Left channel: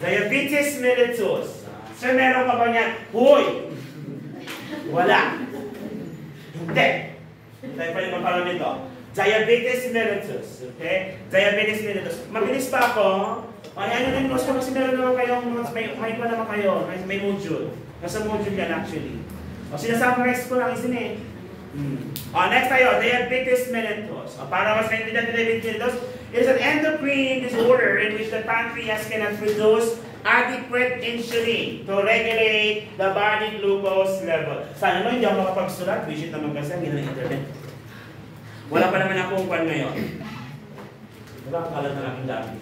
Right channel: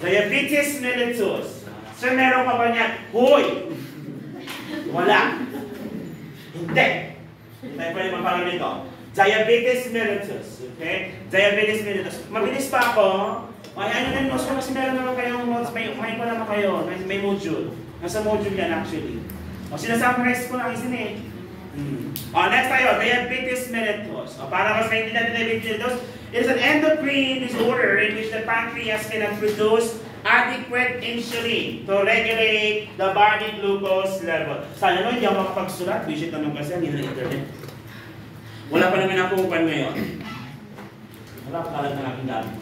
Diabetes mellitus. So, meron ka ba niyan? Huy! Wala. Hindi. Tayo pa yung mapalang nito. Diabetes mellitus. Okay? Diabetes mellitus. Mabilis pa ako. Ay, ano na yung notes ko? Kasi meron naman kayong notes. May pa naman kayo. May module. Nasa module yan actually. O, sinasummarize ko lang isin eh. Next tayo. Diabetes mellitus. Para mas maintindihan ng diabetes mellitus, it is an endocrine disorder in which the pancreas cannot produce adequate insulin to regulate the body glucose level. Sana naman hindi ako makapagsulat. Visit naman kasi hindi na internet. Wala pa naman akong upan ngayon. Wala pa kalat na aking gamit.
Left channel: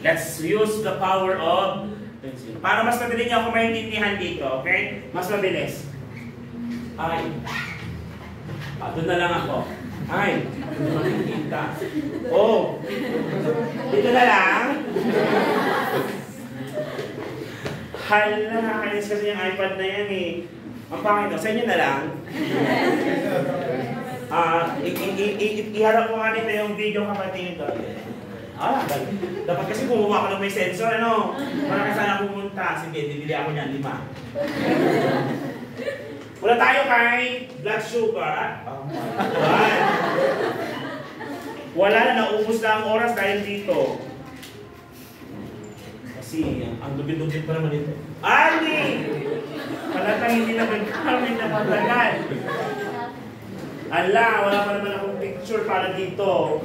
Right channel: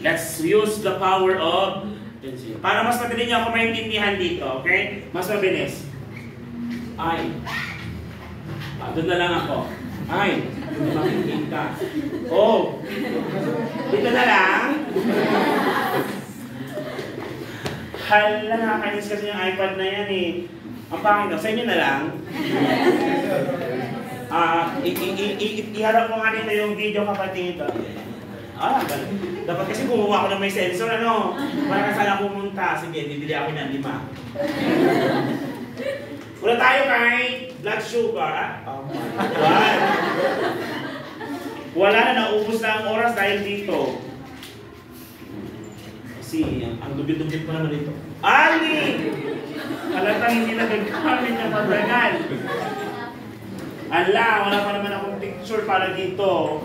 Let's use the power of insulin. Para mas madali niyo ako maintindihan dito, okay? Mas mabilis. Ay. Doon na lang ako. Ay, hindi makikita. Oh, dito na lang. Hala, nakakainis kasi yung iPad na yan eh. Ang pangit daw, sa inyo na lang. Iharap ko nga dito yung video kapatid ito. Galing. Dapat kasi kumuha ko ng may sensor, ano? Para sana pumunta. Sige, bibili ako niyan, 5. Wala tayo kay blood sugar. Wala na, naubos na ang oras dahil dito. Kasi ang lubid-lubid pa naman dito. Ali! Halatang hindi na nagkamit na matagal. Ala, wala pa naman akong picture para dito.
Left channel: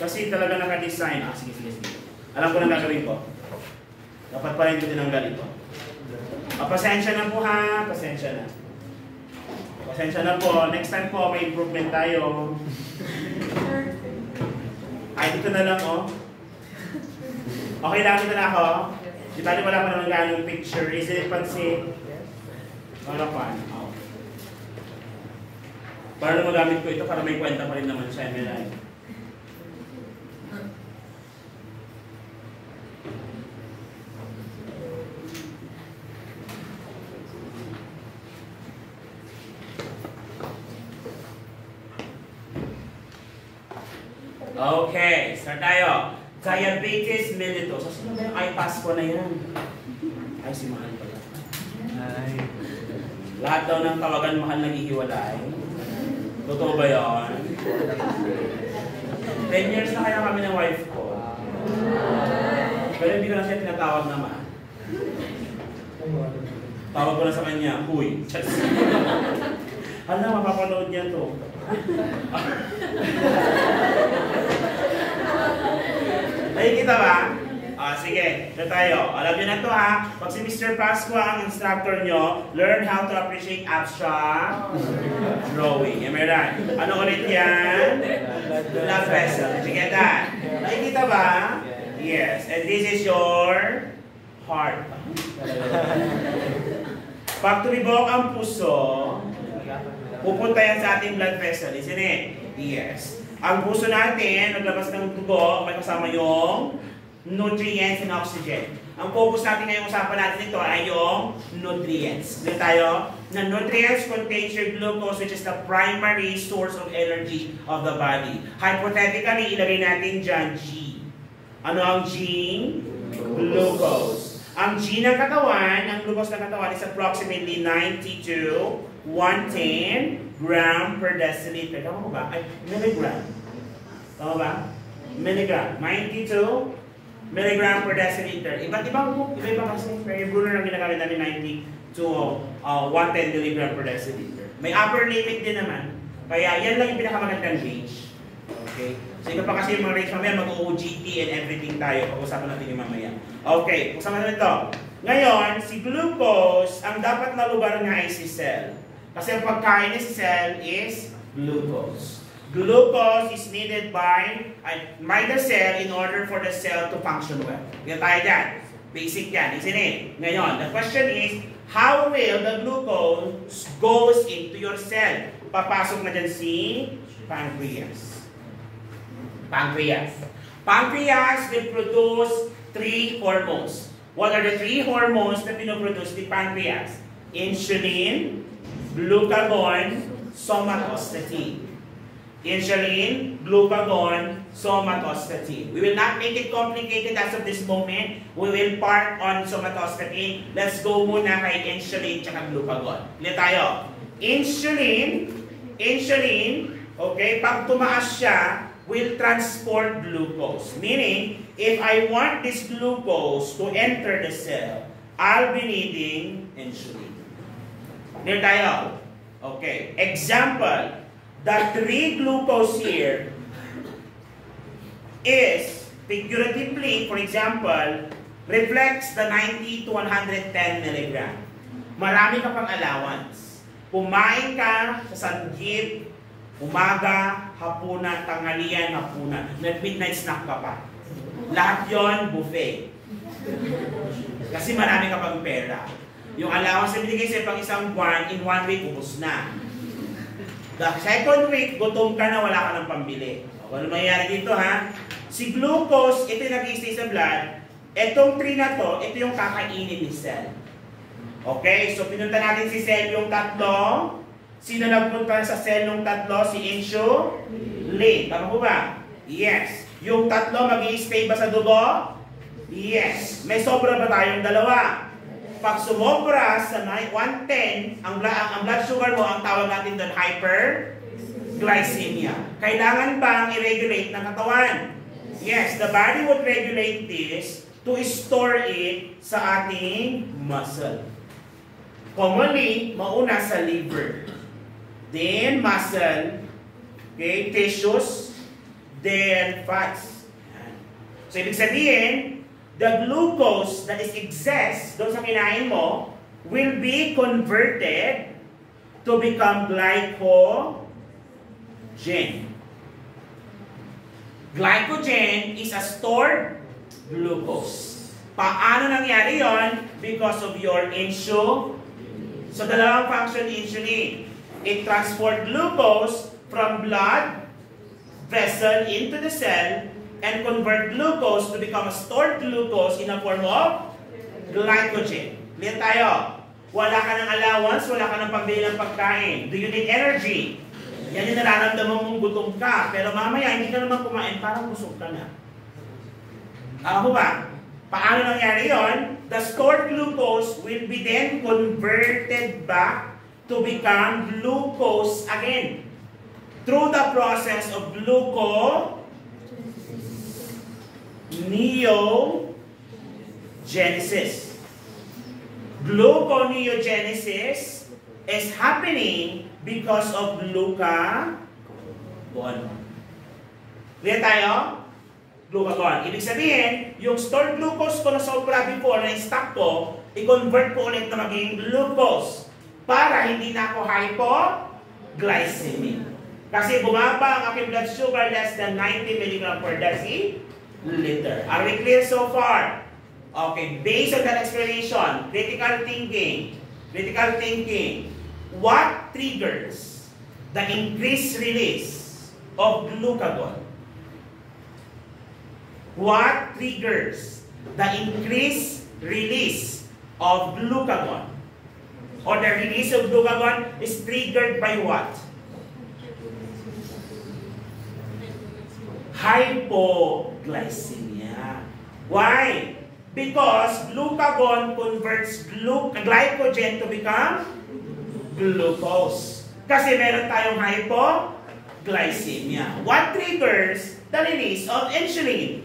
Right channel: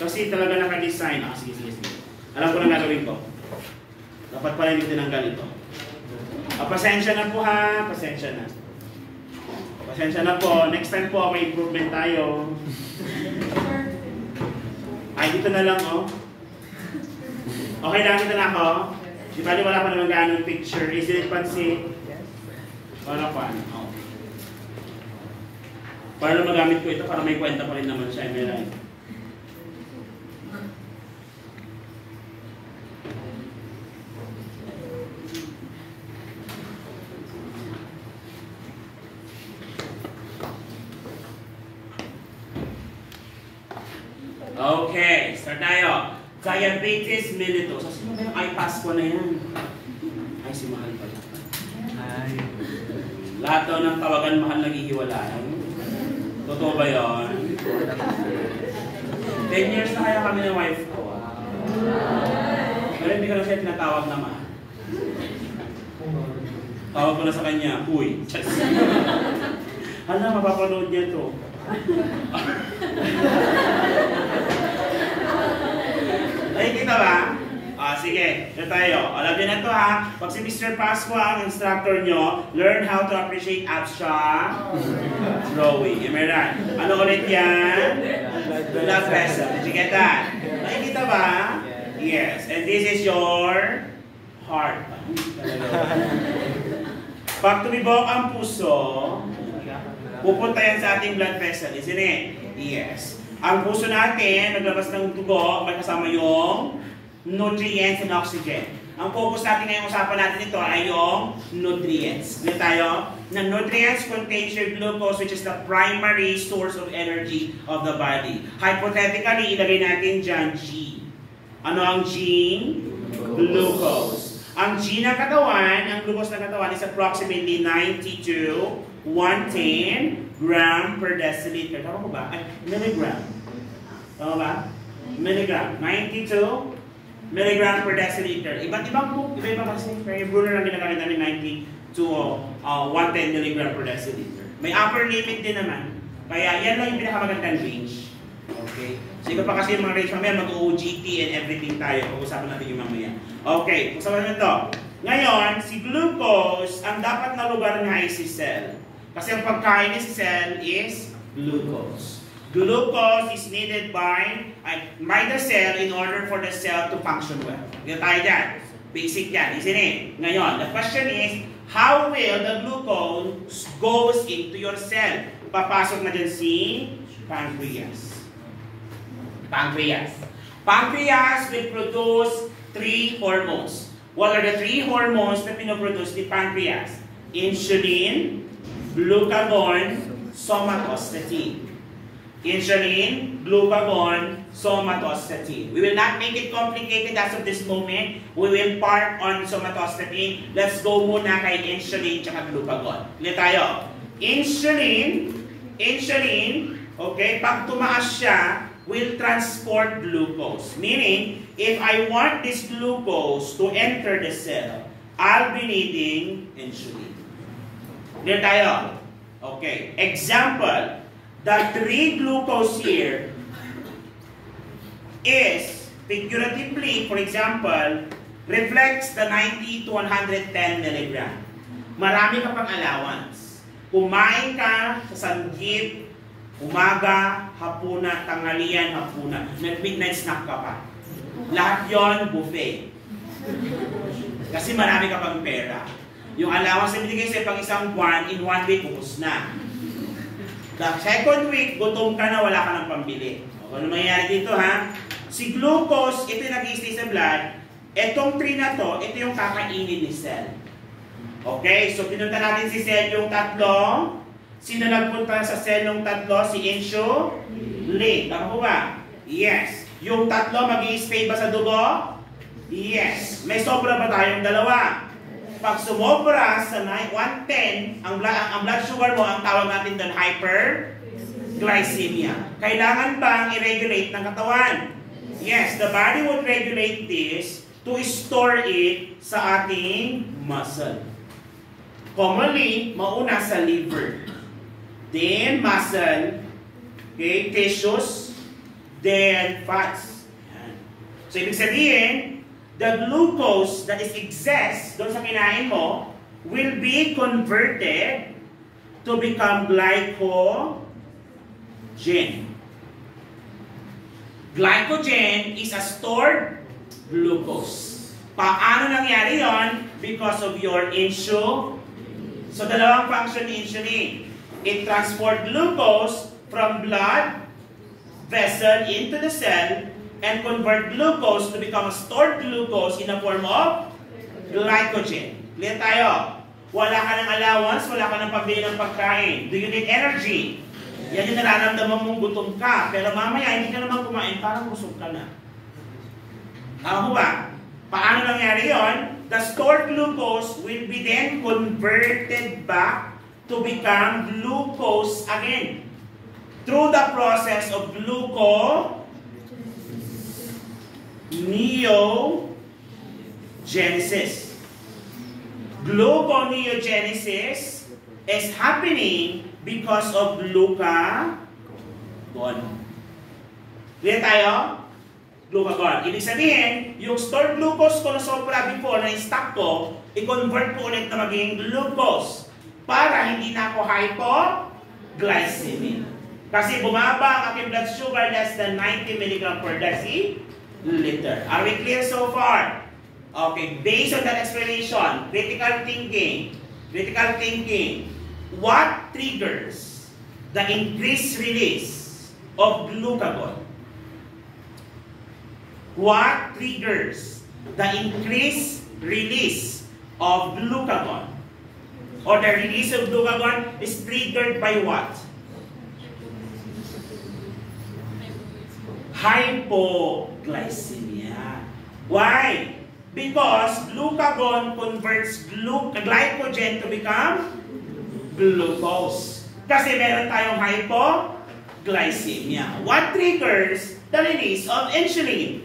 Kasi talaga naka-design. Sige. Alam ko na gagawin ko. Dapat pala hindi tinanggal ito. Pasensya na po ha. Pasensya na po. Next time po, may improvement tayo. Ay, dito na lang, oh. Okay lang, dito na ako. Di ba, wala pa naman gano'ng picture. Is it pansin? Wala pa. Oh. Para na magamit ko ito, para may kwenta pa rin naman siya. May Okay, start tayo. Diabetes mellitus. Kasi maganda yung iPass ko na yan. Ay, si Mahal pa. Ay. Lahat daw ng tawagan Mahal naghihiwalay. Totoo ba yun? 10 years na kaya kami ng wife ko. Pero hindi ko na siya tinatawag na Ma. Tawag ko na sa kanya, Uy. Hala, mapapanood niya to. Nakikita ba? Sige, ito tayo. Alam nyo na ito ha. Pag si Mr. Pasqua ang instructor nyo, learn how to appreciate abstract drawing. Am I right? Ano ulit yan? Blood vessel. Did you get that? Nakikita ba? Yes. And this is your heart. Pag tumibok ang puso, pupunta yan sa ating blood vessel. Isn't it? Yes. Ang puso natin, naglabas ng dugo, may kasama yung nutrients and oxygen. Ang focus natin ngayong usapan natin ito ay yung nutrients. Ulit tayo, na nutrients contains your glucose, which is the primary source of energy of the body. Hypothetically, ilagay natin dyan G. Ano ang G? Glucose. Ang G ng katawan, ang glucose ng katawan is approximately 90 to 110 gram per deciliter. Tama ba? Ay, milligram. Tama ba? Milligram. 92 milligram per deciliter. Iba-ibang kasi. Pero yung Brunner ang ginagamit namin 90 to 110 milligram per deciliter. May upper limit din naman. Kaya yan lang yung pinakamagandang range. Okay? So ito pa kasi yung mga range mamaya, mag-OGT and everything tayo. Pag-usapan natin yung mamaya. Okay, pag-usapan natin ito. Ngayon, si glucose, ang dapat na lugar nga ay si cell. Kasi ang pagkain ni cell is glucose. Glucose is needed by the cell in order for the cell to function well. Yan tayo dyan. Basic yan, isn't it? Ngayon, the question is, how will the glucose goes into your cell? Papasok na dyan si pancreas. Pancreas will produce 3 hormones. What are the 3 hormones na pinoproduce ni pancreas? Insulin, glucagon, somatostatin. Insulin, glucagon, somatostatin. We will not make it complicated as of this moment. We will park on somatostatin. Let's go muna kay insulin tsaka glucagon. Hindi tayo. Insulin, okay, pag tumaas siya, will transport glucose. Meaning, if I want this glucose to enter the cell, I'll be needing insulin. Hindi tayo. Okay, example. The 3 glucose here is, figuratively, for example, reflects the 90 to 110 milligram. Marami ka pang allowance. Kumain ka sa sanggip, umaga, hapunan, tanghalian, hapunan. May midnight snack ka pa. Lahat yon buffet. Kasi marami ka pang pera. Yung allowance na binigay sa'yo pang isang buwan, in 1 week, ubos na. The second week, gutom ka na, wala ka ng pambili. O, ano mangyayari dito, ha? Si glucose, ito yung nag-i-stay sa blood. Itong 3 na to, ito yung kakainin ni cell. Okay? So, pinunta natin si cell yung tatlo. Sino nagpunta sa cell yung tatlo? Si insulin. Tama po ba? Yes. Yung tatlo, mag-i-stay ba sa dugo? Yes. May sobra ba tayong dalawa? Pag sumobra sa 110, ang blood sugar mo, ang tawag natin doon, hyperglycemia. Kailangan bang i-regulate ng katawan? Yes, the body would regulate this to store it sa ating muscle. Commonly, mauna sa liver. Then, muscle, okay, tissues, then fats. So, ibig sabihin, the glucose that is excess doon sa kinain mo will be converted to become glycogen. Glycogen is a stored glucose. Paano nangyari yon? Because of your insulin. So, dalawang function ni insulin. It transports glucose from blood vessel into the cell and convert glucose to become a stored glucose in a form of glycogen. Clear tayo? Wala ka ng allowance, wala ka ng pambili ng pagkain. Do you need energy? Yan yung nararamdaman mong gutom ka. Pero mamaya, hindi ka naman kumain, parang busog ka na. Ako ba? Paano nangyari yon? The stored glucose will be then converted back to become glucose again. Through the process of gluconeogenesis. Gluconeogenesis is happening because of glucagon. Clear tayo? Glucagon. Ibig sabihin, yung stored glucose ko na sobra before na stock ko, i-convert ko ulit na maging glucose para hindi na ako hypoglycemic. Kasi bumaba ang aking blood sugar less than 90 mg per deciliter. Are we clear so far? Okay, based on that explanation, critical thinking, what triggers the increased release of glucagon? What triggers the increased release of glucagon? Or the release of glucagon is triggered by what? Hypoglycemia. Why? Because glucagon converts glycogen to become glucose. Kasi meron tayong hypoglycemia. What triggers the release of insulin?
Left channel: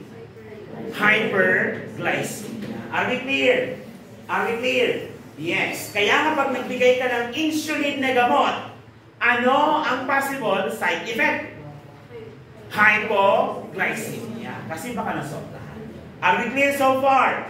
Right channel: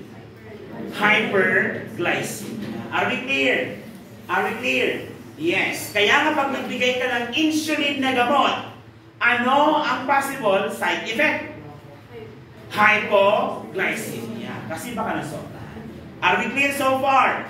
Hyperglycemia. Are we clear? Are we clear? Yes. Kaya nga pag nagbigay ka ng insulin na gamot, ano ang possible side effect? Hypoglycemia. Kasi baka nasobrahan. Are we clear so far?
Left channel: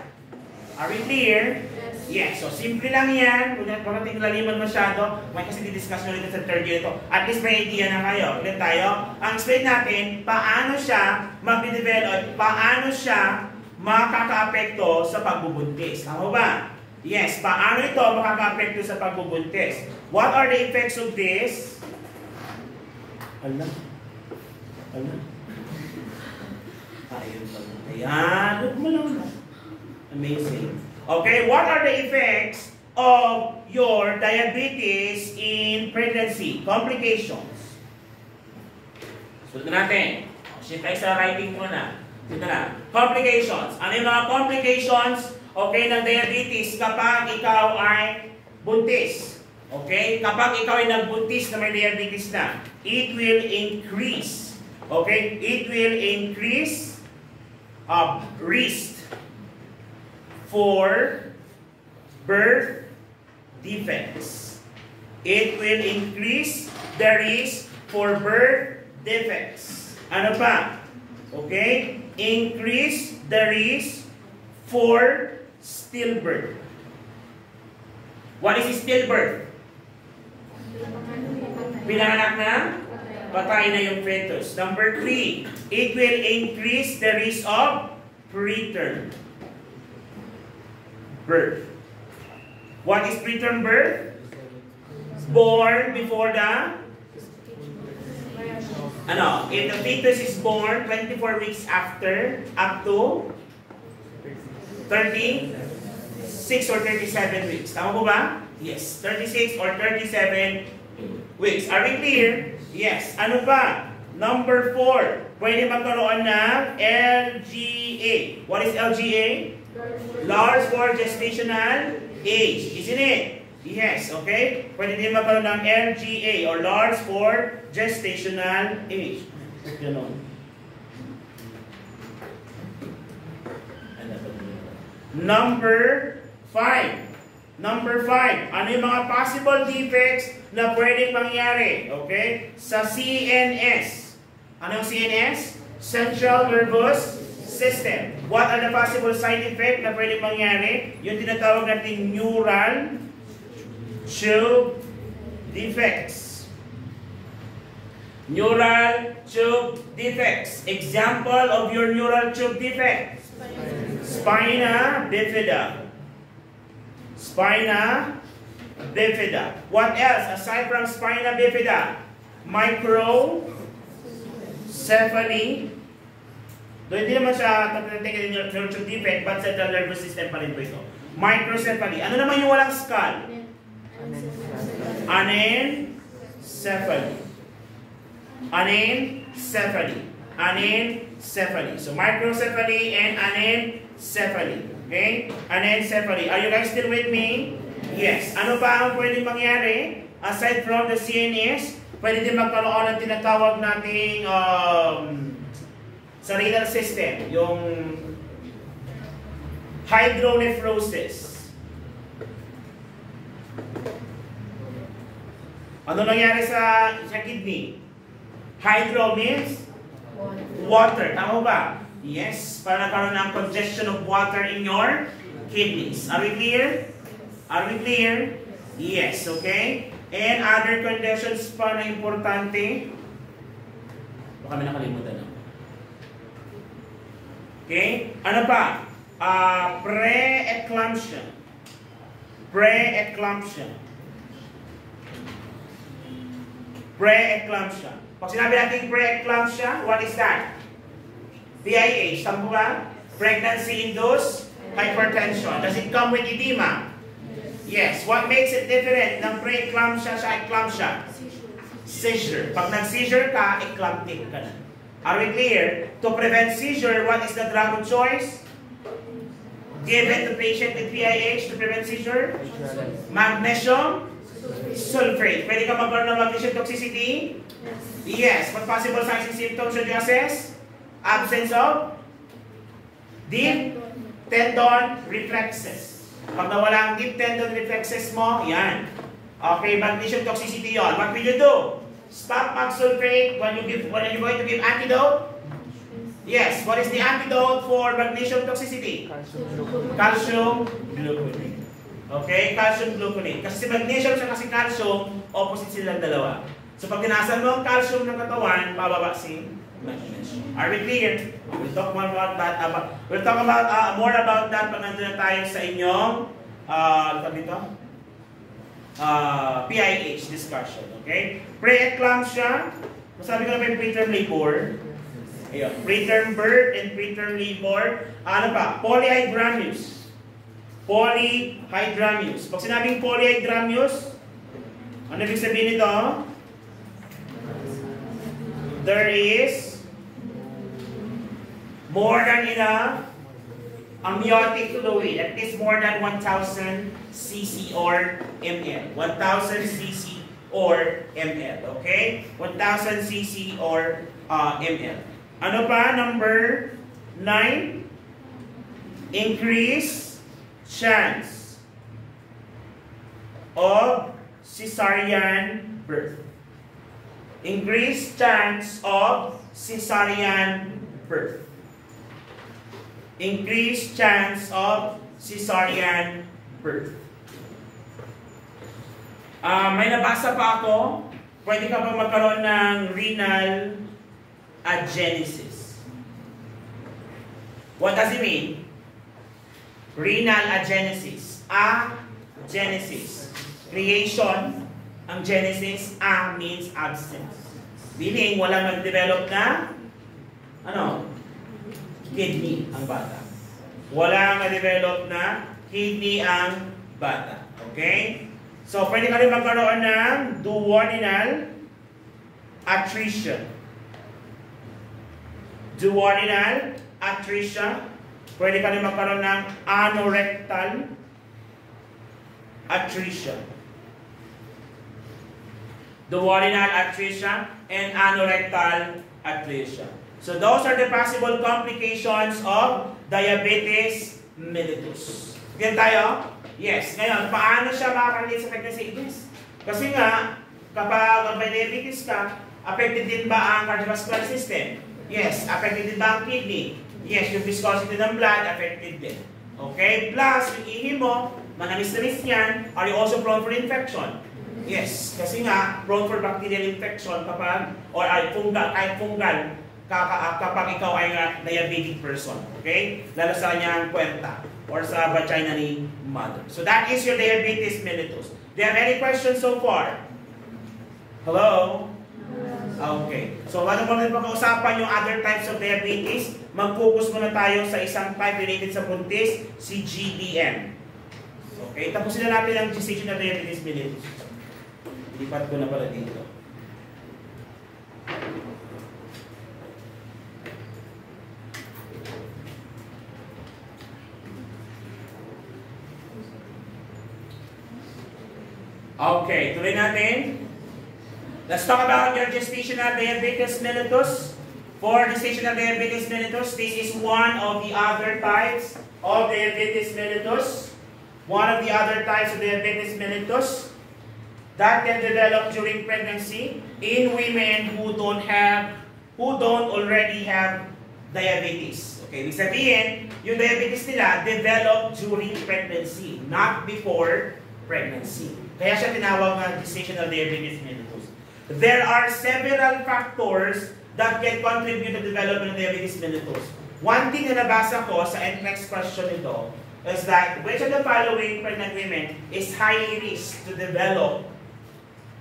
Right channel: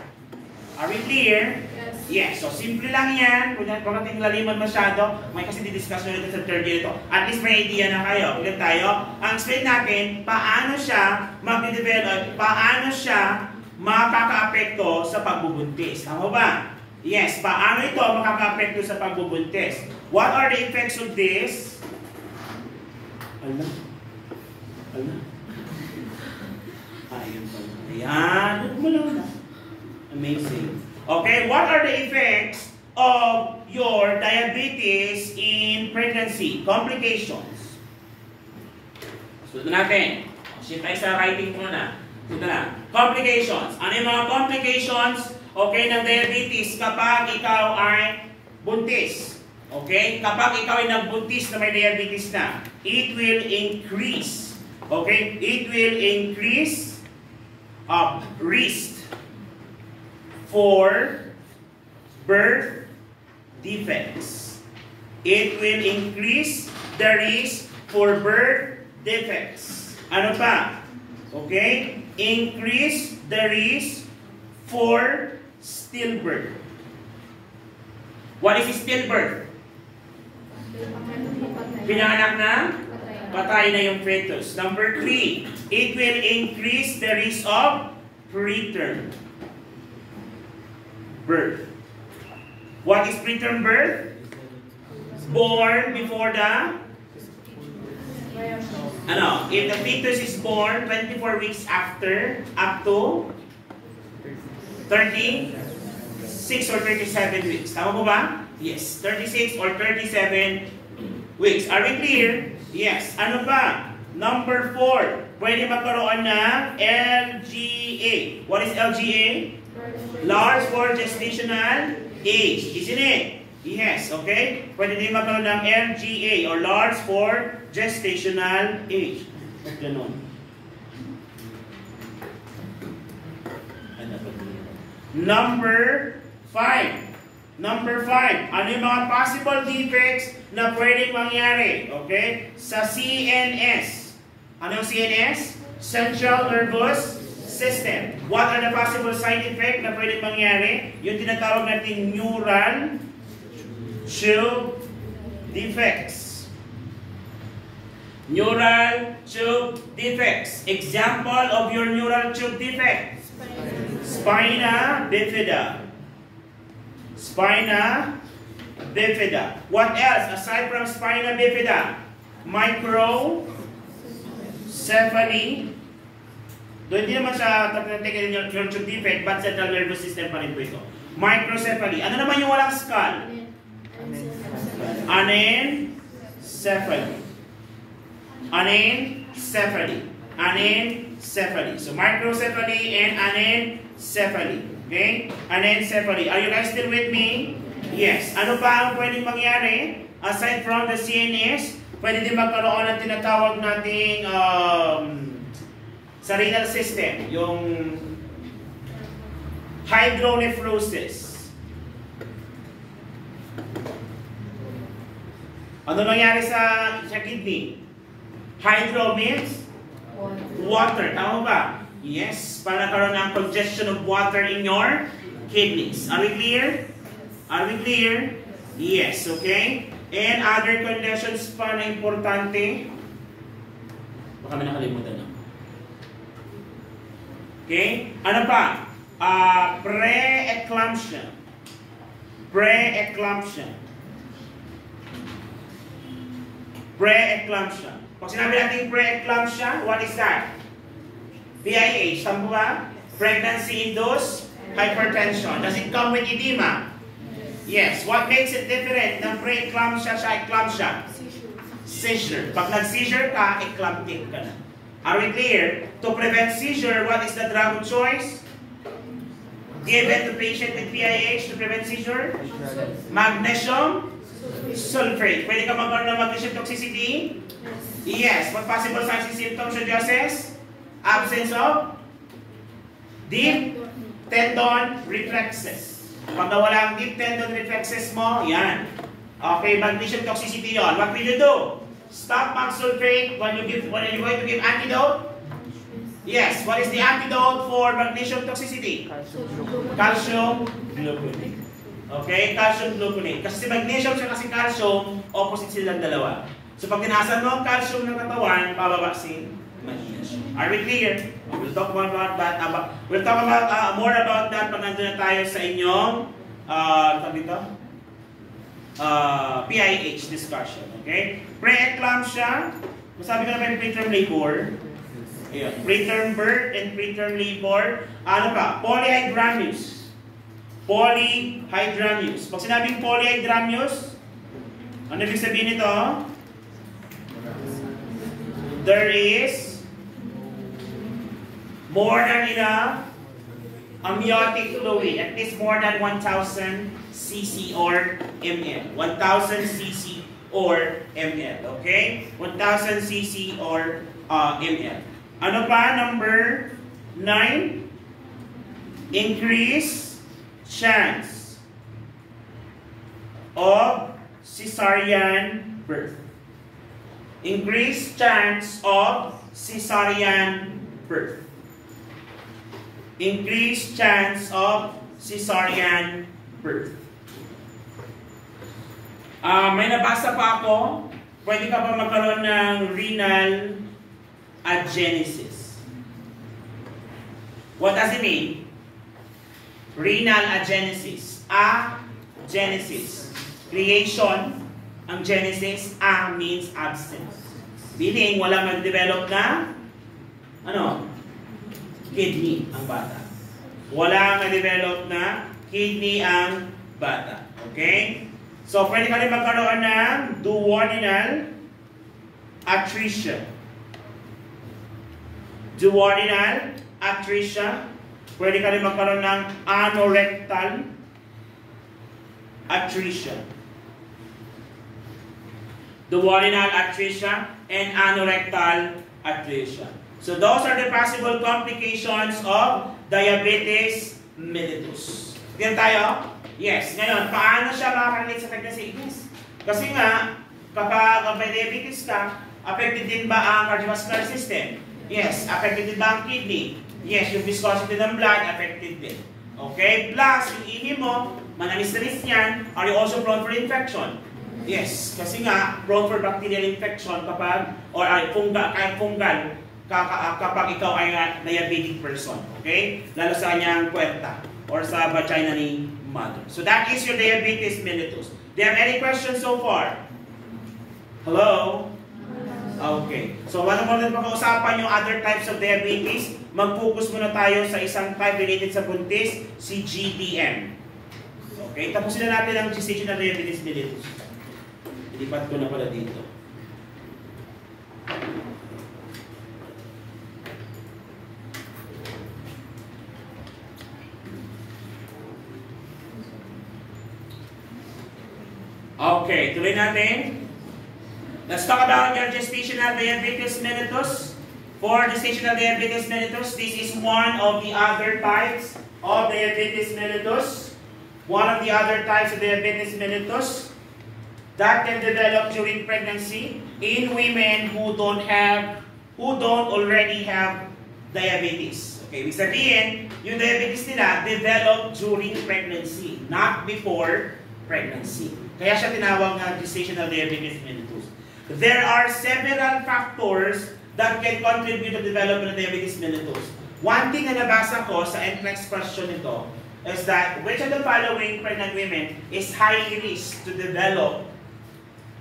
Are we clear? Yes. So, simple lang yan. Kung nating laliman masyado, may kasi didiscuss na rin sa third year ito. At least may idea na kayo. Ulit tayo. Ang explain natin, paano siya mag-develop, paano siya makaka-apekto sa pagbubuntis. Tama ba? Yes. Paano ito makaka-apekto sa pagbubuntis? What are the effects of this? Alam. Ayun pa. Ayan. Amazing. Okay, what are the effects of your diabetes in pregnancy? Complications. Sunod natin. Shit tayo sa writing muna. Sunod na. Complications. Ano yung mga complications, okay, ng diabetes kapag ikaw ay buntis? Okay? Kapag ikaw ay nagbuntis na may diabetes na, it will increase. Okay? It will increase risk for birth defects. It will increase the risk for birth defects. Ano pa? Okay? Increase the risk for stillbirth. What is stillbirth? Pinanganak na? Patay na yung fetus. Number 3, it will increase the risk of preterm birth. What is preterm birth? Born before the if the fetus is born 24 weeks after, up to 36 or 37 weeks. Tama po ba? Yes, 36 or 37 weeks. Are we clear? Yes. Ano pa? Number 4, pwede magkaroon ng LGA. What is LGA? Large for gestational age. Isn't it? Yes, okay? Pwede din magkaroon ng LGA or large for gestational age. Ganun. Number 5. Number 5. Ano yung mga possible defects na pwedeng mangyari? Okay? Sa CNS. Ano yung CNS? Central Nervous System. What are the possible side effects na pwedeng mangyari? Yung tinatawag natin neural tube defects. Neural tube defects. Example of your neural tube defect. Spina bifida. Spina bifida. What else aside from spina bifida? Microcephaly. Doon hindi naman siya tatanggalin yung neural tube defect, but central nervous system pa rin po ito. Microcephaly. Ano naman yung walang skull? Anencephaly. Anencephaly. Anencephaly. So microcephaly and anencephaly. Okay? Anencephaly. Are you guys still with me? Yes. Ano pa ang pwedeng mangyari? Aside from the CNS, pwede din magkaroon ng tinatawag nating sa renal system, yung hydronephrosis. Ano nangyari sa kidney? Hydro means water. Tama ba? Yes. Para nakaroon ng congestion of water in your kidneys. Are we clear? Are we clear? Yes. Okay. And other conditions pa na importante. Baka may nakalimutan na. Okay. Ano pa? Pre-eclampsia. Pre-eclampsia. Pre-eclampsia. Pag sinabi natin pre-eclampsia, what is that? PIH. Tama ba? Pregnancy-induced hypertension. Does it come with edema? Yes. What makes it different ng pre-eclampsia sa eclampsia? Seizure. Pag nag-seizure ka, eclamptic ka na. Are we clear? To prevent seizure, what is the drug of choice? Given to patient with PIH to prevent seizure? Magnesium sulfate. Pwede ka magkaroon ng magnesium toxicity? Yes. What possible signs and symptoms should you assess? Absence of deep tendon reflexes. Pag nawala ang deep tendon reflexes mo, yan. Okay, magnesium toxicity yon. What will you do? Stop mag sulfate when you're going to give antidote? Yes. What is the antidote for magnesium toxicity? Calcium gluconate. Okay, calcium gluconate. Kasi si magnesium siya kasi calcium, opposite silang dalawa. So pag tinaasan mo ang calcium ng katawan, bababa si magnesium. Are we clear? We'll talk more about that. We'll talk about more about that pag nandun na tayo sa inyong PIH discussion. Okay? Pre-eclampsia. Sabi ko na preterm labor. Ayan. Preterm birth and preterm labor. Ano pa? Polyhydramnios. Polyhydramnios. Pag sinabing polyhydramnios, ano ibig sabihin nito? there is more than enough amniotic fluid, at least more than 1,000 cc or ml. 1,000 cc or ml. Okay? 1,000 cc or ml. Ano pa? Number 9. Increase chance of cesarean birth. Increase chance of cesarean birth. Increased chance of cesarean birth. May nabasa pa ako, pwede ka pa magkaroon ng renal agenesis. What does it mean? Renal agenesis. Agenesis. Creation. Ang genesis, means absence. Meaning, wala mag-develop na, kidney ang bata. Wala ma-develop na kidney ang bata. Okay? So, pwede ka rin magkaroon ng duodenal atresia. Duodenal atresia. Pwede ka rin magkaroon ng anorectal atresia. Duodenal atresia and anorectal atresia. So those are the possible complications of diabetes mellitus. Diyan tayo? Yes. Ngayon, paano siya makaka-relate sa pregnancy? Yes. Kasi nga, kapag may diabetes ka, affected din ba ang cardiovascular system? Yes. Affected din ba ang kidney? Yes. Yung viscosity ng blood, affected din. Okay? Plus, yung ihi mo, manamis-namis yan, are you also prone for infection? Yes. Kasi nga, prone for bacterial infection kapag, or fungal, kapag ikaw ay diabetic person. Okay? Lalo sa kanyang kwenta or sa vagina ni mother. So that is your diabetes mellitus. Do you have any questions so far? Hello? Okay. So bago mo na pag-uusapan yung other types of diabetes, mag-focus muna tayo sa isang type related sa buntis, si GDM. Okay? Tapusin na natin ang gestational diabetes mellitus. Ilipat ko na pala dito. Okay, tuloy natin. Let's talk about your gestational diabetes mellitus. For gestational diabetes mellitus, this is one of the other types of diabetes mellitus. One of the other types of diabetes mellitus that can develop during pregnancy in women who don't already have diabetes. Okay, ibig sabihin, yung diabetes nila develop during pregnancy, not before pregnancy. Kaya siya tinawag na gestational diabetes mellitus. There are several factors that can contribute to the development of diabetes mellitus. One thing na nabasa ko sa next question nito is that which of the following pregnant women is highly risk to develop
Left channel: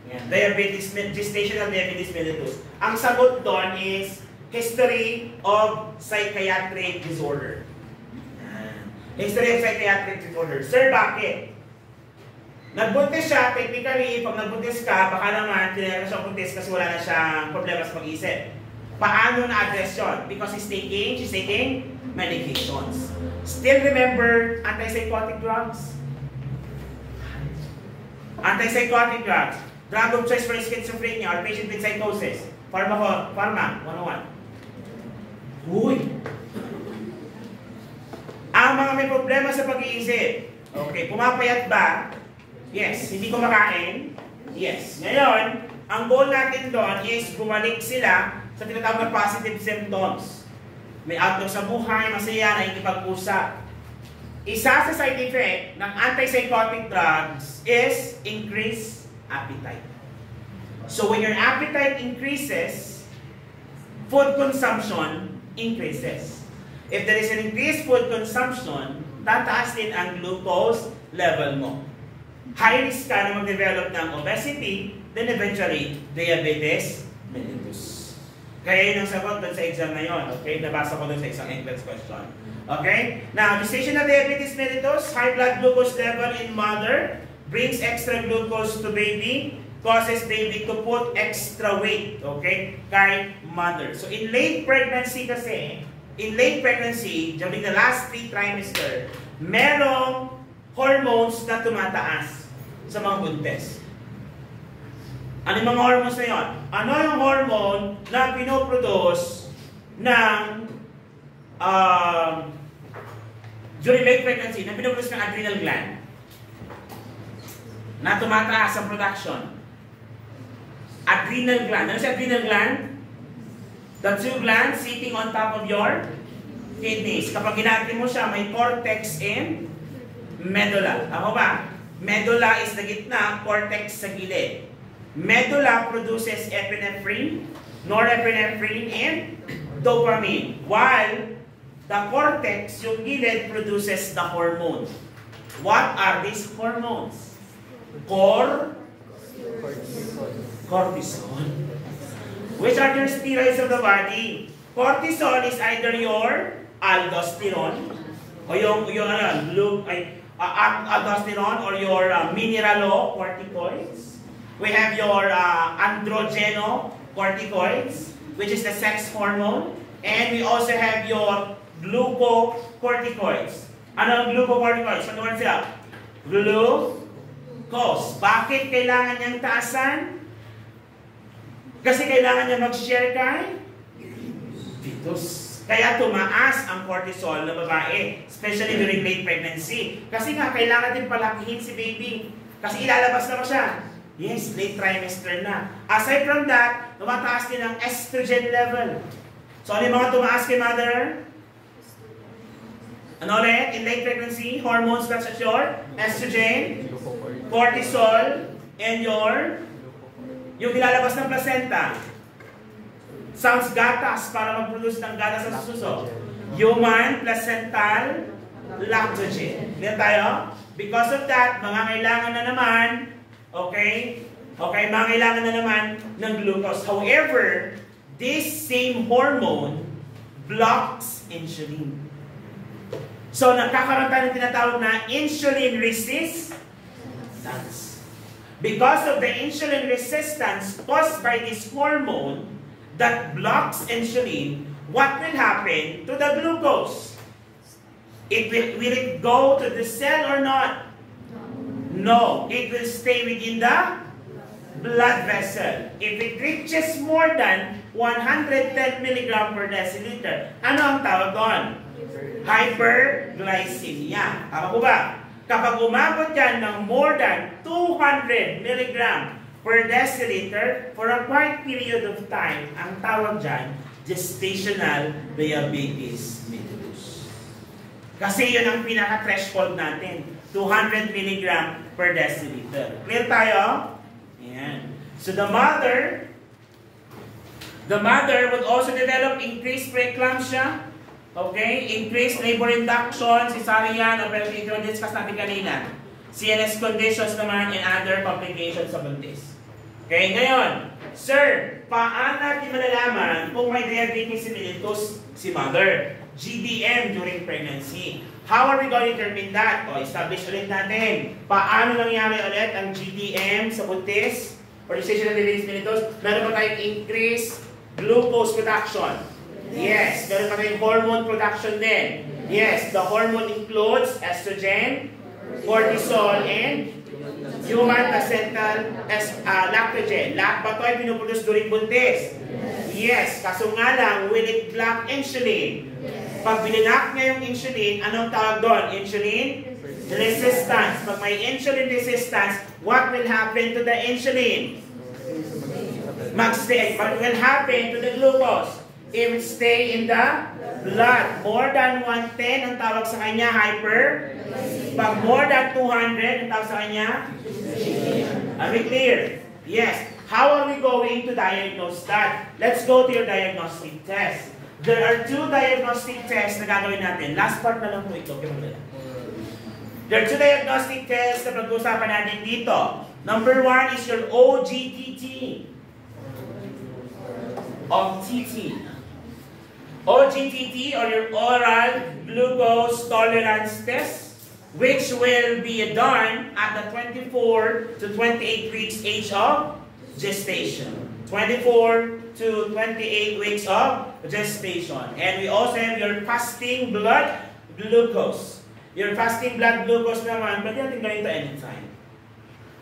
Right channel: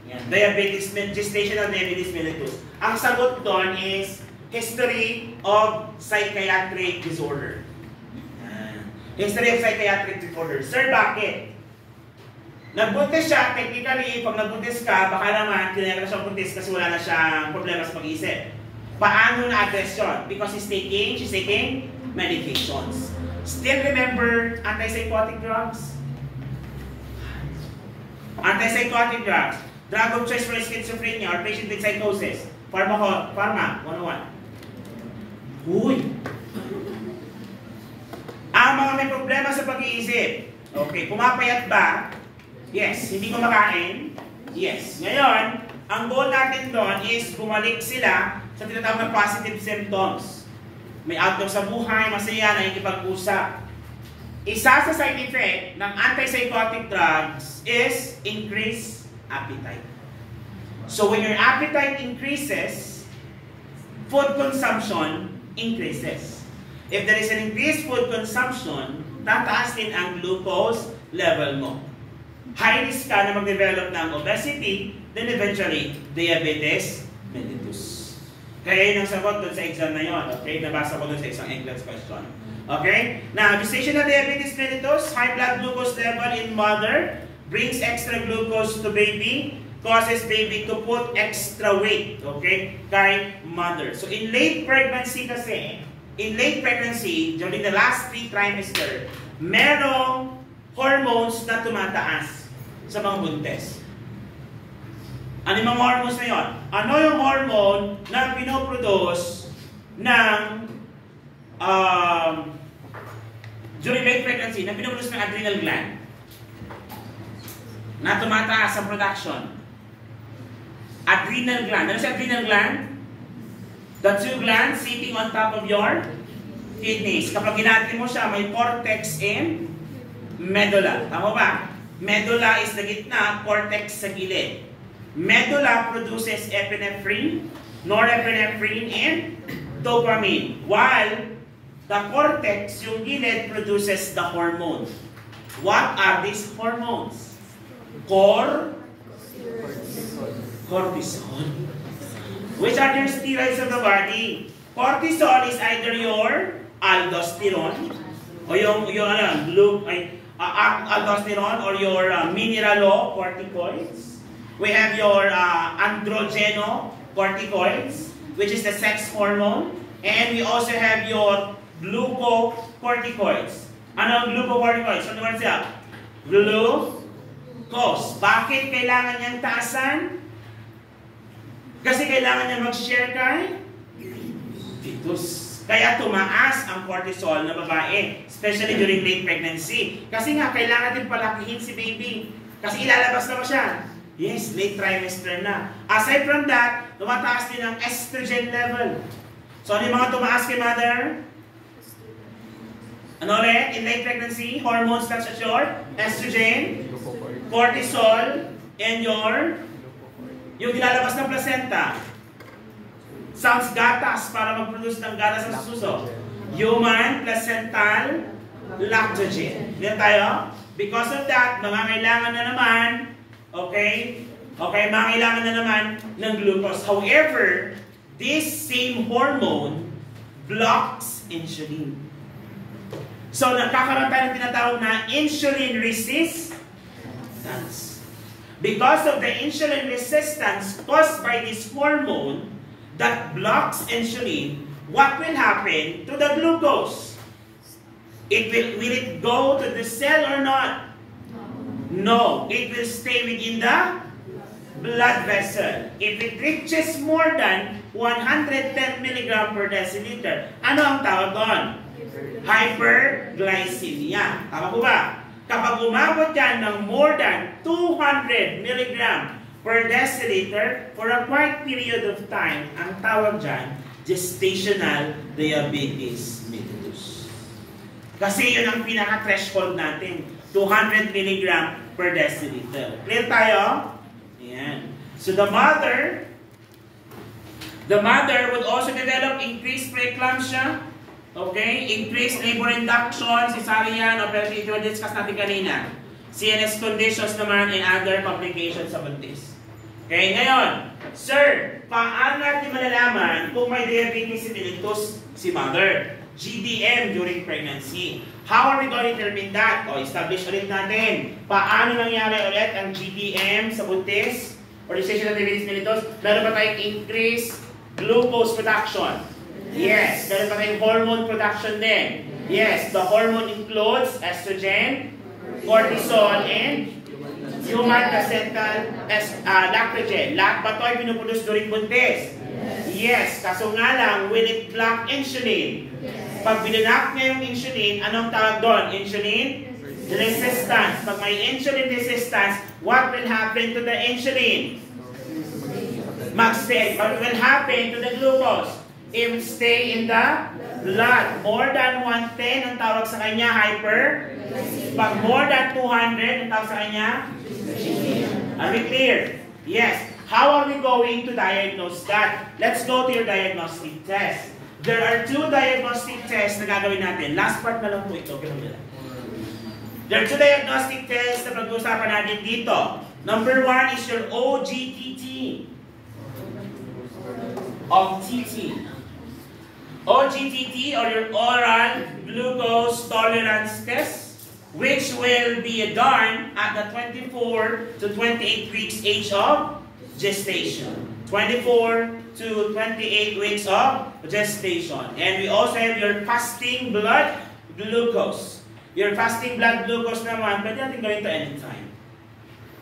gestational diabetes mellitus? Ang sagot doon is history of psychiatric disorder. History of psychiatric disorder. Sir, bakit? Nagbuntis siya, technically, pag nagbuntis ka, baka naman, tinira na siya buntis kasi wala na siyang problema sa pag-iisip. Paano na-address yun? Because she's taking medications. Still remember antipsychotic drugs? Antipsychotic drugs. Drug of choice for schizophrenia or patient with psychosis. Pharma 101. Uy! Ang mga may problema sa pag-iisip. Okay, pumapayat ba? Yes. Hindi kumakain? Yes. Ngayon, ang goal natin doon is bumalik sila sa tinatawag na positive symptoms. May outlook sa buhay, masaya, nakikipag-usap. Isa sa side effect ng antipsychotic drugs is increased appetite. So when your appetite increases, food consumption increases. If there is an increased food consumption, tataas din ang glucose level mo. High risk ka na mag-develop ng obesity, then eventually, diabetes mellitus. Kaya yun ang sagot doon sa exam na yun. Okay? Nabasa ko doon sa isang English question. Okay? Now, gestational diabetes mellitus, high blood glucose level in mother, brings extra glucose to baby, causes baby to put extra weight, okay, kay mother. So in late pregnancy kasi, during the last 3 trimester, merong hormones na tumataas sa mga buntes. Ano yung mga hormones na yun? Ano yung hormone na pinoproduce ng during late pregnancy, na pinoproduce ng adrenal gland na tumataas ang production? Adrenal gland. Ano sa adrenal gland? The 2 glands sitting on top of your kidneys. Kapag ginati mo siya, may cortex and medulla. Tama ba? Medulla is the gitna, cortex sa gilid. Medulla produces epinephrine, norepinephrine, and dopamine. While the cortex, yung gilid, produces the hormone. What are these hormones? Cortisol. Which are your steroids of the body? Cortisol is either your aldosterone, o yung aldosterone, or your mineralocorticoids. We have your androgenocorticoids, which is the sex hormone. And we also have your glucocorticoids. Ano ang glucocorticoids? Ano naman sila? Glucose. Bakit kailangan niyang taasan? Kasi kailangan niya mag-share kay fetus. Kaya tumaas ang cortisol na babae, especially during late pregnancy. Kasi nga, kailangan din palakihin si baby. Kasi ilalabas na ba siya? Yes, late trimester na. Aside from that, tumataas din ang estrogen level. So, ano yung mga tumaas kay mother? Ano ulit? In late pregnancy, hormones such as your estrogen, cortisol, and yung nilalabas ng placenta. Sounds gatas para mag-produce ng gatas sa suso. Human placental lactogen. Diyan tayo? Because of that, mangangailangan na naman, mangangailangan na naman ng glucose. However, this same hormone blocks insulin. So, nagkakaroon tayo ng tinatawag na insulin resistance. Because of the insulin resistance caused by this hormone that blocks insulin, what will happen to the glucose? Will it go to the cell or not? No. It will stay within the blood vessel. If it reaches more than 110 mg per deciliter, ano ang tawag doon? Hyperglycemia. Tama po ba? Kapag umabot yan ng more than 200 mg per deciliter for a quiet period of time, ang tawag dyan, gestational diabetes mellitus. Kasi yun ang pinaka-threshold natin, 200 mg per deciliter. Clear tayo? Ayan. So the mother would also develop increased preeclampsia, increased labor induction, cesarean, or peritoneal, discuss natin kanina. CNS conditions naman and other complications sa buntis. Okay, ngayon, sir, paano natin malalaman kung may diabetes mellitus si mother? GDM during pregnancy. How are we going to determine that? Establish ulit natin. Paano nangyari ulit ang GDM sa buntis? Or gestational diabetes mellitus? Meron ba tayong increased glucose production? Yes. Meron pa tayong hormone production din. Yes. The hormone includes estrogen, cortisol, and human placental lactogen. Lahat ba ito ay pinuproduce during buntis? Yes. Kaso nga lang, will it block insulin? Pag binlock niya yung insulin, anong tawag doon? Insulin resistance. Pag may insulin resistance, what will happen to the insulin? Mag-stay. What will happen to the glucose? It will stay in the blood. More than 110, ang tawag sa kanya, hyper. Pag more than 200, ang tawag sa kanya, are we clear? Yes. How are we going to diagnose that? Let's go to your diagnostic test. There are 2 diagnostic tests na gagawin natin. Last part na lang po ito. There are 2 diagnostic tests na pag-usapan natin dito. Number 1 is your OGTT. OGTT, or your oral glucose tolerance test, which will be done at the 24 to 28 weeks age of gestation. 24 to 28 weeks of gestation. And we also have your fasting blood glucose. Your fasting blood glucose naman, pwede natin gawin ito anytime.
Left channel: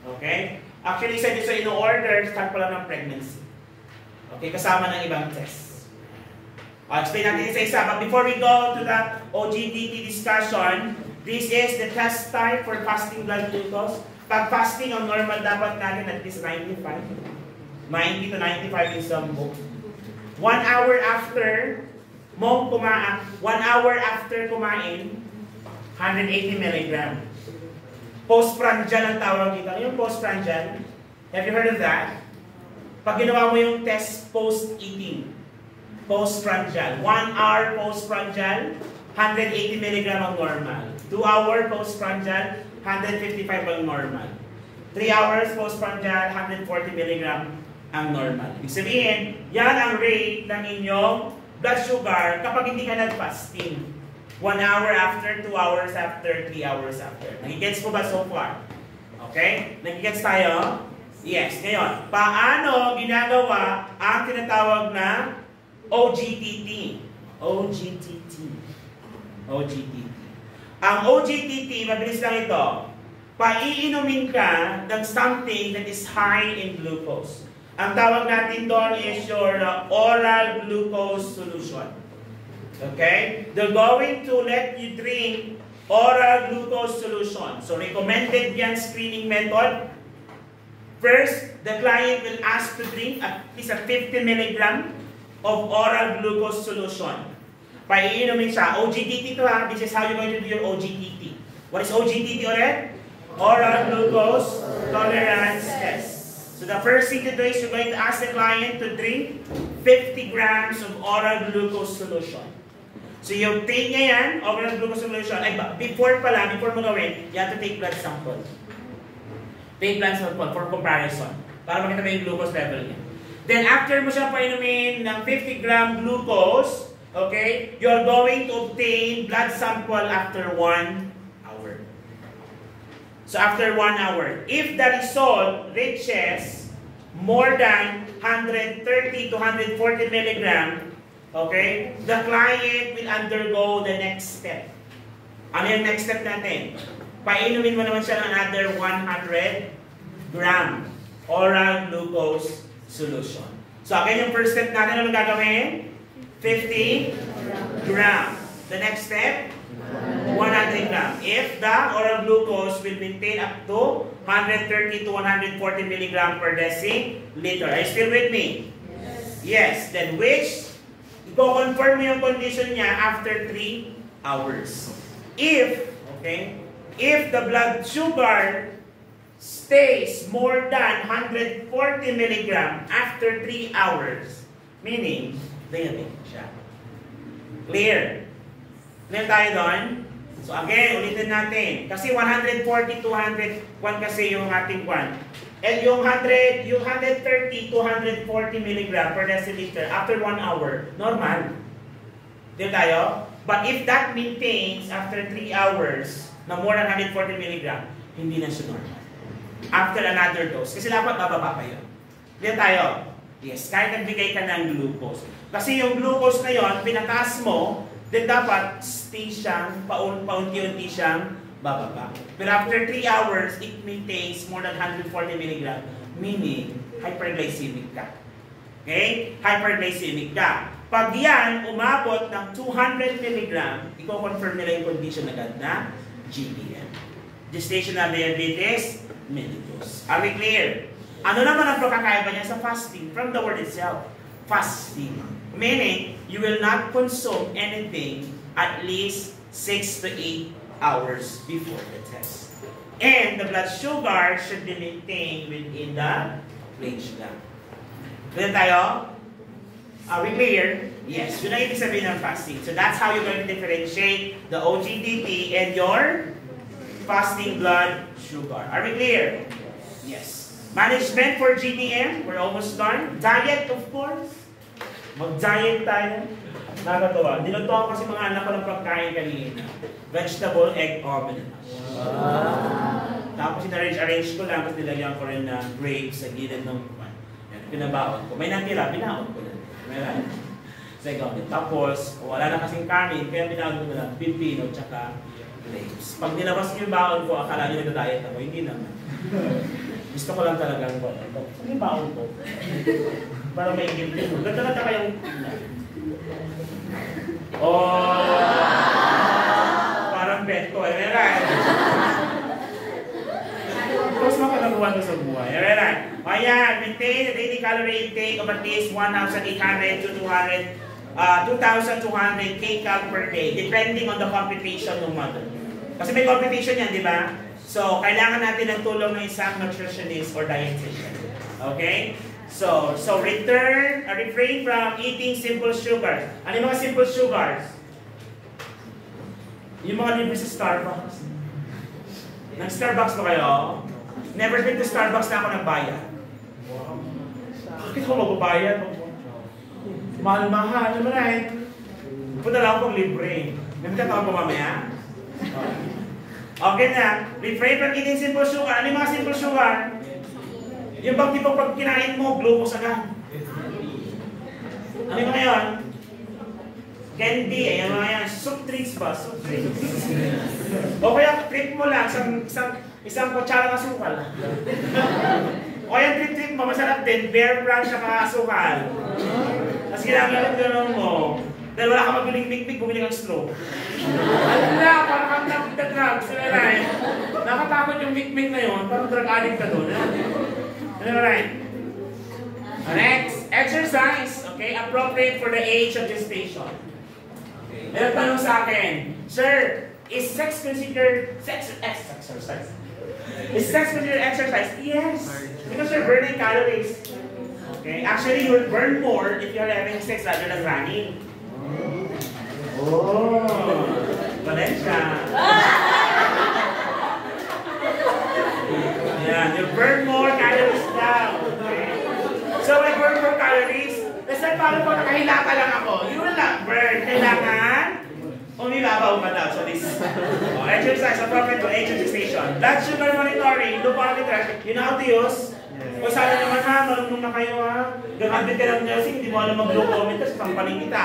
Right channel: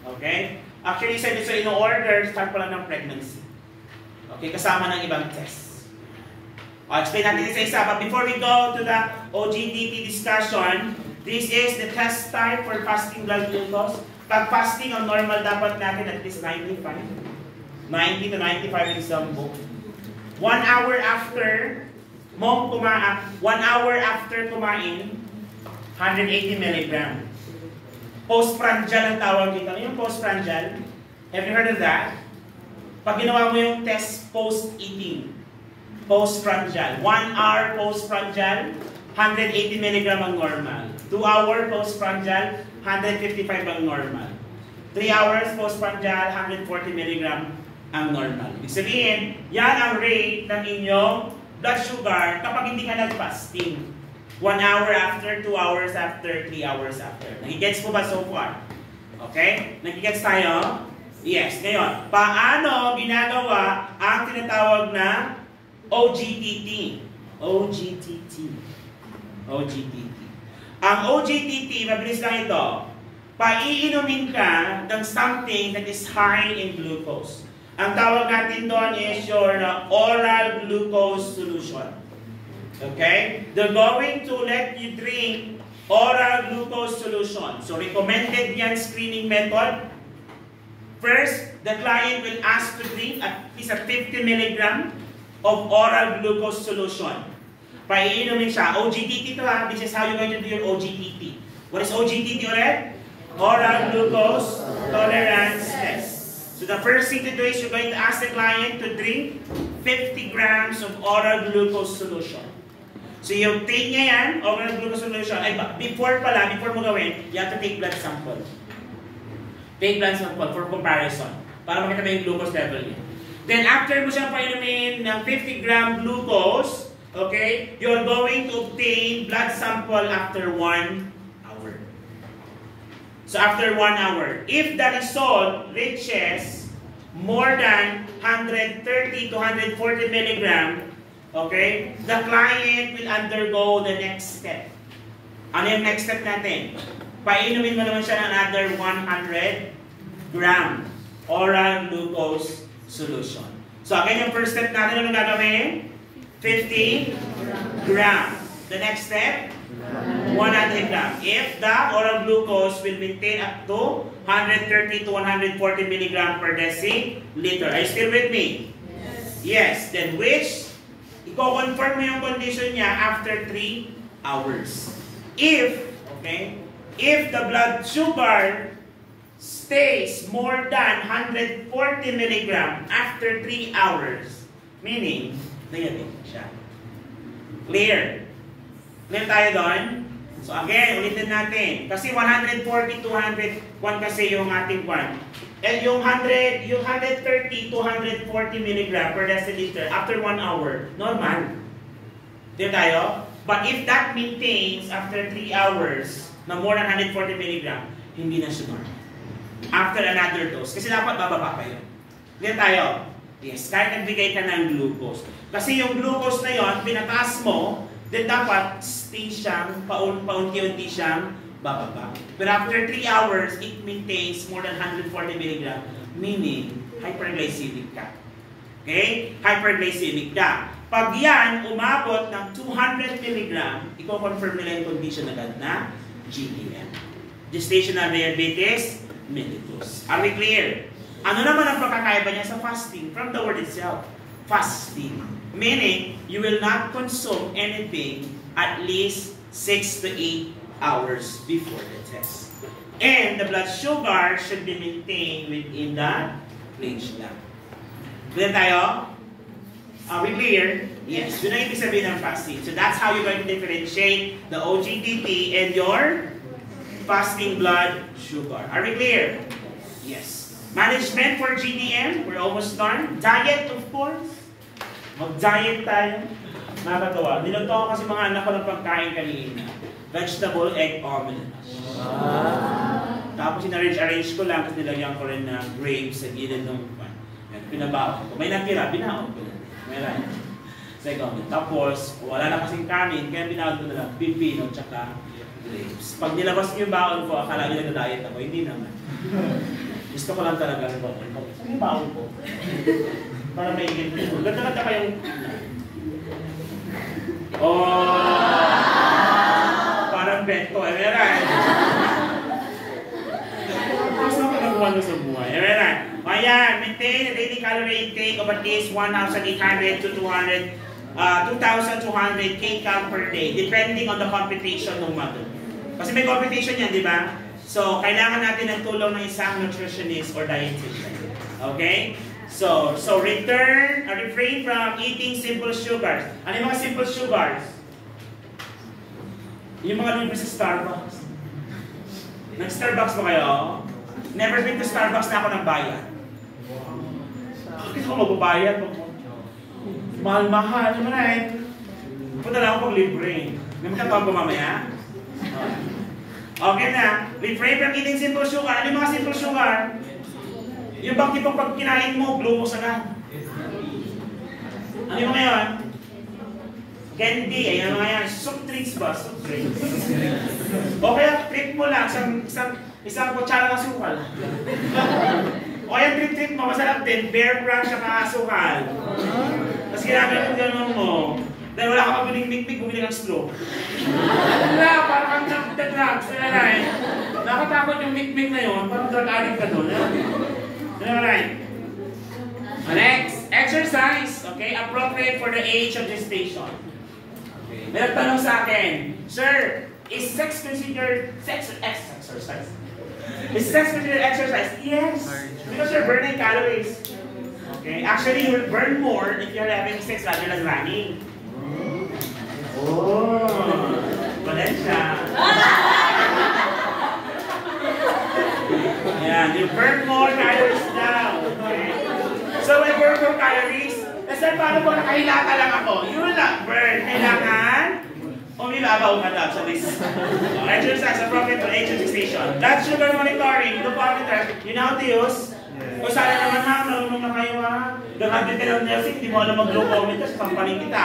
Okay? Actually, isa dito sa in-order, start pala ng pregnancy. Okay, kasama ng ibang test. Explain natin isa-isa. But before we go to the OGTT discussion, this is the test type for fasting blood glucose. Pag fasting, ang normal dapat natin at least 95. 90 to 95 in some book. 1 hour after kumain, 180 milligram. Postprandial ang tawag dito. Ano yung postprandial? Have you heard of that? Pag ginawa mo yung test post-eating, postprandial. 1 hour postprandial, 180 milligram ang normal. 2 hour postprandial, 155 ang normal. 3 hours postprandial, 140 milligram ang normal. Ibig sabihin, yan ang rate ng inyong blood sugar kapag hindi ka nag-fasting. 1 hour after, 2 hours after, 3 hours after. Nagigets mo ba so far? Okay? Nagigets tayo? Yes. Ngayon, paano ginagawa ang tinatawag na OGTT? OGTT. OGTT. Ang OGTT, mabilis lang ito. Paiinumin ka ng something that is high in glucose. Ang tawag natin doon is your oral glucose solution. Okay? They're going to let you drink oral glucose solution. So, recommended yan screening method. First, the client will ask to drink at least a 50 milligram of oral glucose solution. Paiinumin siya. OGTT to ha. This is how you're going to do your OGTT. What is OGTT ulit? Oral glucose tolerance test. So the first thing to do is you're going to ask the client to drink 50 grams of oral glucose solution. So yung take niya yan, oral glucose solution, ay before mo gawin, you have to take blood sample. Take blood sample for comparison. Para makita mo yung glucose level niya. Then after mo siya painumin ng 50 gram glucose, okay, you're going to obtain blood sample after 1 hour. So after 1 hour, if the result reaches more than 130 to 140 milligram, okay, the client will undergo the next step. Ano yung next step natin? Painumin mo naman siya ng another 100 gram oral glucose solution. So again, yung first step natin, ano gagawin? 50 gram. The next step? 100 gram. If the oral glucose will maintain up to 130 to 140 milligram per deciliter. Are you still with me? Yes. Then which, i-confirm mo yung condition niya after 3 hours. If the blood sugar stays more than 140 milligram after 3 hours, meaning, diabetic siya. Clear? Clear tayo doon? So again, ulitin natin. Kasi 140 to 101 kasi yung ating one. And yung 130 to 140 milligram per deciliter after 1 hour, normal. Dito tayo? But if that maintains after 3 hours na more than 140 milligram, hindi na siya normal. After another dose. Kasi dapat bababa pa yun. Dito tayo? Yes, kahit nagbigay ka ng glucose. Kasi yung glucose na yon, pinataas mo, then dapat stay siyang, paunti-unti siyang bababa. But after 3 hours, it maintains more than 140 milligram, meaning hyperglycemic ka. Okay? Hyperglycemic ka. Pag yan, umabot ng 200 milligram, i-confirm nila yung condition agad na GDM. Gestational diabetes mellitus. Are we clear? Ano naman ang pagkakaiba niya sa fasting? From the word itself, fasting. Meaning, you will not consume anything at least 6 to 8 hours before the test. And the blood sugar should be maintained within the range lang. Then tayo? Are we clear? Yes. Yun ang ibig sabihin ng fasting. So that's how you're going to differentiate the OGTT and your fasting blood sugar. Are we clear? Yes. Management for GDM, we're almost done. Diet, of course. Mag-diet tayo. Nakakatawa. Niluto ko kasi mga anak ko ng pagkain kanina. Vegetable egg omelette. Tapos sinarrange ko lang kasi nilagyan ko rin ng grapes sa gilid ng pan. pinabaon ko. May natira, binaon ko na. Meron. Second. Tapos, wala na kasing kanin, kaya binaon ko na lang pipino tsaka grapes. Pag nilabas ko yung baon ko, akala nyo nag-diet ako. Hindi naman. Gusto ko lang talaga ng baon. Saan yung baon ko? Para may ingin ko. Ganda lang kayong... Parang beto eh. Meron. Tapos na pinagawa ko sa buhay. Meron. Ayan, maintain a daily calorie intake of at least 1,800 to 2,200 kcal per day, depending on the computation ng model. Kasi may computation yan, di ba? So, kailangan natin ng tulong ng isang nutritionist or dietitian. Okay? So refrain from eating simple sugars. Ano yung mga simple sugars? Yung mga libre sa Starbucks. Nag-Starbucks ba kayo? Never been to Starbucks na ako nagbayad. Bakit ako magbabayad? Mahal-mahal, right? Punta lang ako pag libre. May magkataon ko mamaya? Okay na. Refrain from eating simple sugar. Ano yung mga simple sugar? Yung bang tipong pag kinain mo, glucose agad. Ano yung mga yun? Candy. Ayan mga yan. Soup drinks ba? Soup drinks. O kaya, trip mo lang. Isang kutsara ng sukal. O kaya, trip mo. Masarap din. Bear brand sa mga sukal. Tapos ginagawa yung gano'n mo. Dahil wala ka mabiling mikmik, bumili kang slow. Wala, parang kang nag-drugs. Nakatakot yung mikmik na yun. Parang drug addict ka doon. Alright. Next, exercise. Okay, appropriate for the age of gestation. May tanong sa akin, Sir, is sex considered exercise? Is sex considered exercise? Yes, because you're burning calories. Okay, actually you'll burn more if you're having sex rather than running. Oh, Valencia. Yeah, you burn more calories now. Okay. So, I burn more calories. That's why paano pag nakahilata lang ako, you will not burn. Kailangan, umibabaw ka daw sa this. Exercise appropriate for age and gestation. Blood sugar monitoring, glucometer, you know how to use? Kung sana naman ha, marunong na kayo ha. Gagamit ka ng nursing, hindi mo alam mag-glucometer sa kampaning kita.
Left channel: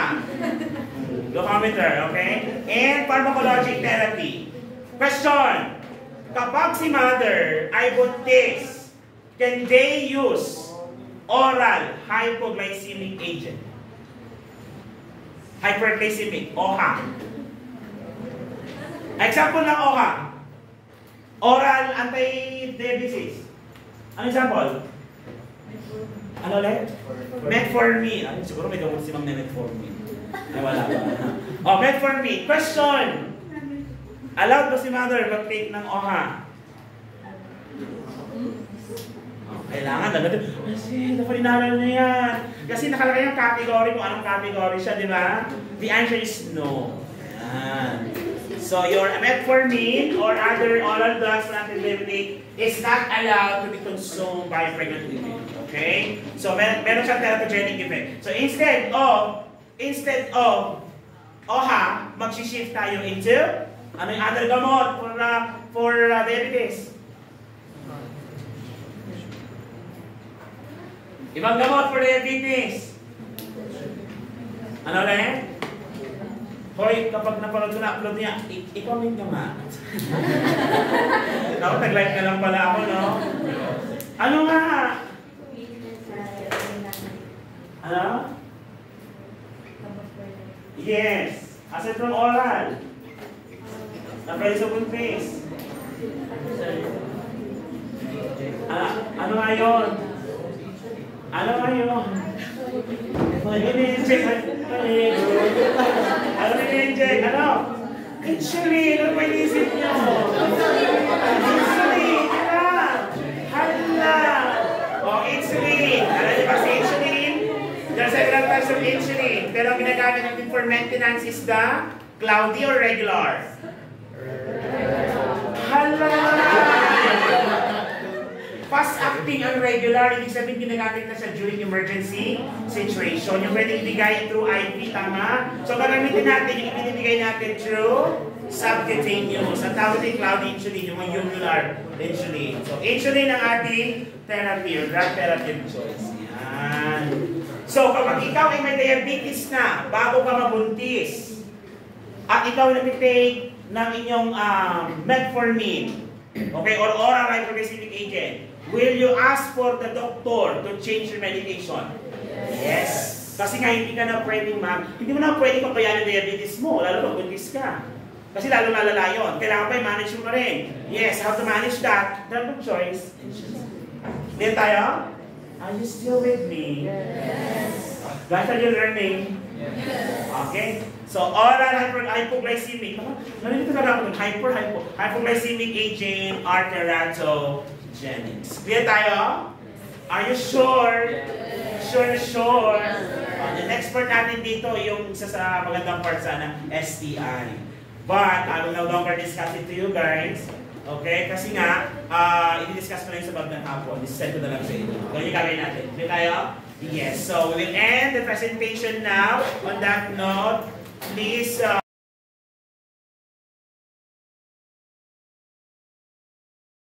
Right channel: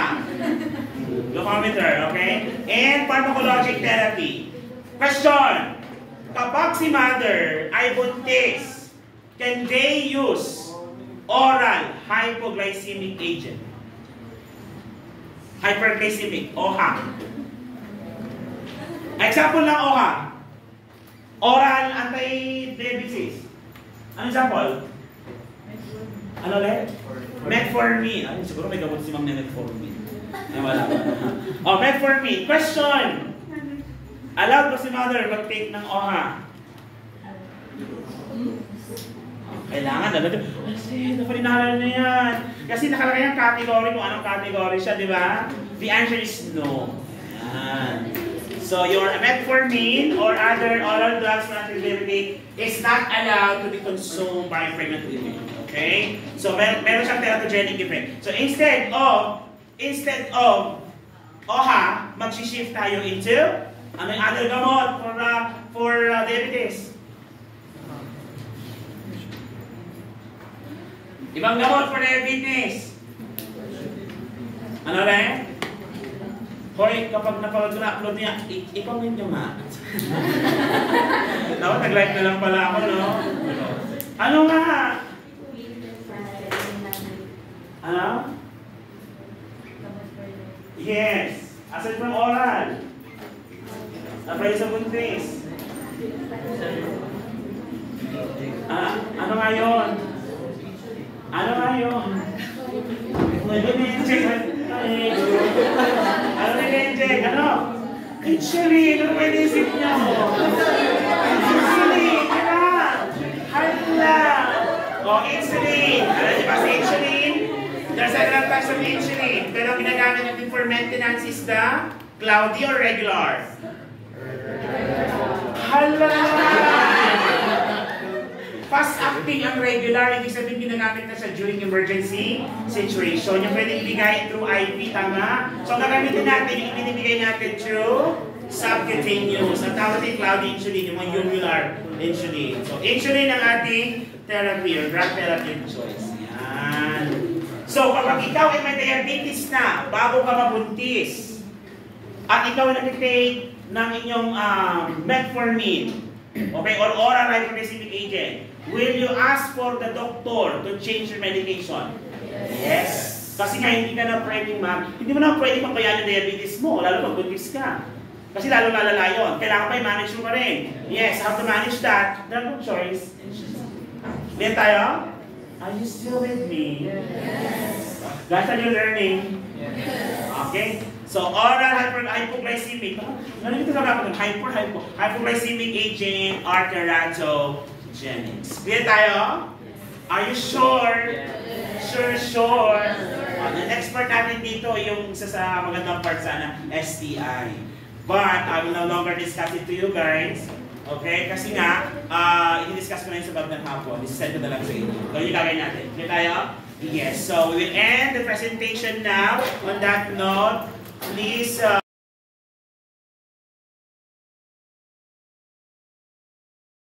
Glucometer, okay? And pharmacologic therapy. Question. Kapag si mother ay buntis, can they use oral hypoglycemic agent? Hyperglycemic, OHA. Example ng OHA. Oral anti-diabetes. Ano example? Ano ulit? Metformin. Ay, siguro may gamot si Ma'am na Metformin. Ay, wala ba? Oh, Metformin. Question. Allowed ba si mother mag-take ng OHA? Kailangan dapat. Kasi napalinala na yan. Kasi nakalagay ang category kung anong category siya, di ba? The answer is no. Yan. So your metformin or other oral drugs for anti-diabetic is not allowed to be consumed by a pregnant woman. Okay? So meron siyang teratogenic effect. So instead of OHA, mag-shift tayo into ano yung other gamot for diabetes? Ibang gamot for diabetes. Ano rin? Hoy, kapag napanood ko na-upload niya, i-comment nyo nga. Nag-live na lang pala ako, no? Ano nga? Ano? Yes. Aside from oral. Apay sa buntis. Ano nga yun? Ano nga yun? Ano? Insulin! Ano ba inisip niya mo? Insulin! Hala! O, insulin! Alam niyo ba sa insulin? There's several types of insulin. Pero ang ginagamit natin for maintenance is the cloudy or regular? Hala! Fast-acting ang regular, ibig sabihin ginagamit na siya during emergency situation. Yung pwede ibigay through IV, tama? So, gagamitin natin, yung ibinibigay natin through subcutaneous. Ang tawag din cloudy insulin, yung mga ulular insulin. So, insulin ang ating therapy or drug therapy of choice. Yan. Yan. So, kapag ikaw ay may diabetes na, bago ka mabuntis, at ikaw nag-take ng inyong metformin, okay, or oral hyperglycemic agent, will you ask for the doctor to change your medication? Yes. Kasi nga hindi ka na pwedeng hindi mo na pwedeng pabayaan yung diabetes mo, lalo pag buntis ka. Kasi lalo lalala yun. Kailangan pa i-manage mo pa rin. Yes, how to manage that? There's no choice. Ngayon tayo? Are you still with me? Yes. Guys, are you learning? Yes. Okay. So, oral hypoglycemic. Nandito ka dapat ng hypoglycemic agent, arteratogenins. Clear tayo? Are you sure? Yes. Sure. The next part natin dito, yung isa sa magandang part sana, STI. But, I will no longer discuss it to you guys. Okay? Kasi nga, i-discuss ko na yung sa bag ng hapon. Isisend ko na lang sa inyo. Kung yung gagawin natin. Clear tayo? Yes. So, we will end the presentation now. On that note, please...